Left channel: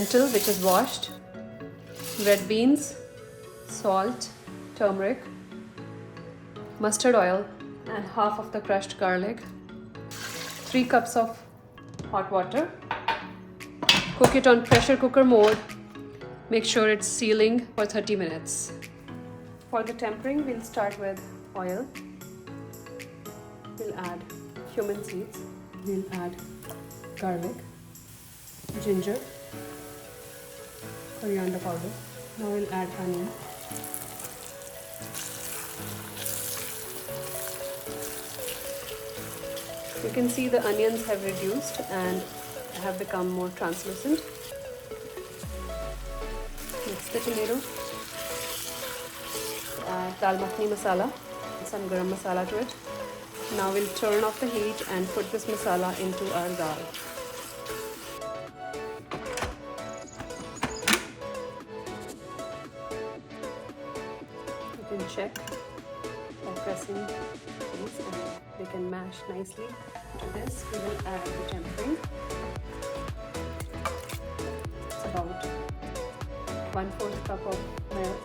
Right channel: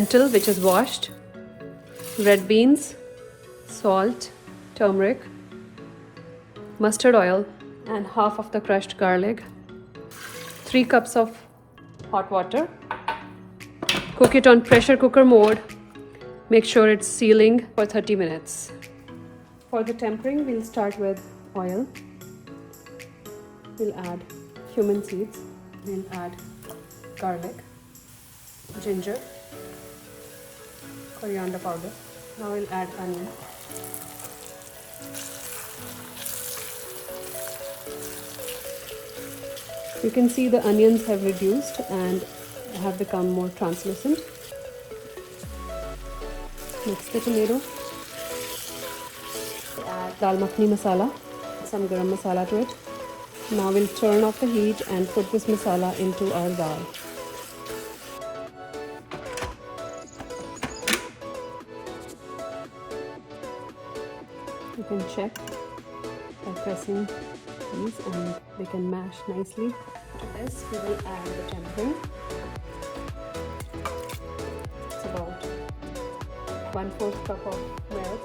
lentil which is washed, red beans, salt, turmeric, mustard oil, and half of the crushed garlic, 3 cups of hot water. Cook it on pressure cooker mode. Make sure it's sealing for 30 minutes. For the tempering, we'll start with oil. We'll add cumin seeds. We'll add garlic, ginger, coriander powder. Now we'll add onion. You can see the onions have reduced and have become more translucent. Mix the tomato. Add Dal Makhani masala, some garam masala to it. Now we'll turn off the heat and put this masala into our dal. You can check by pressing these and they can mash nicely. To this we will add the tempering. It's about 1/4 cup of milk.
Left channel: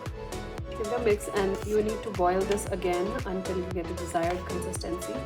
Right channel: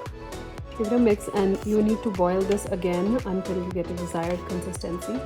Give it a mix and you need to boil this again until you get the desired consistency.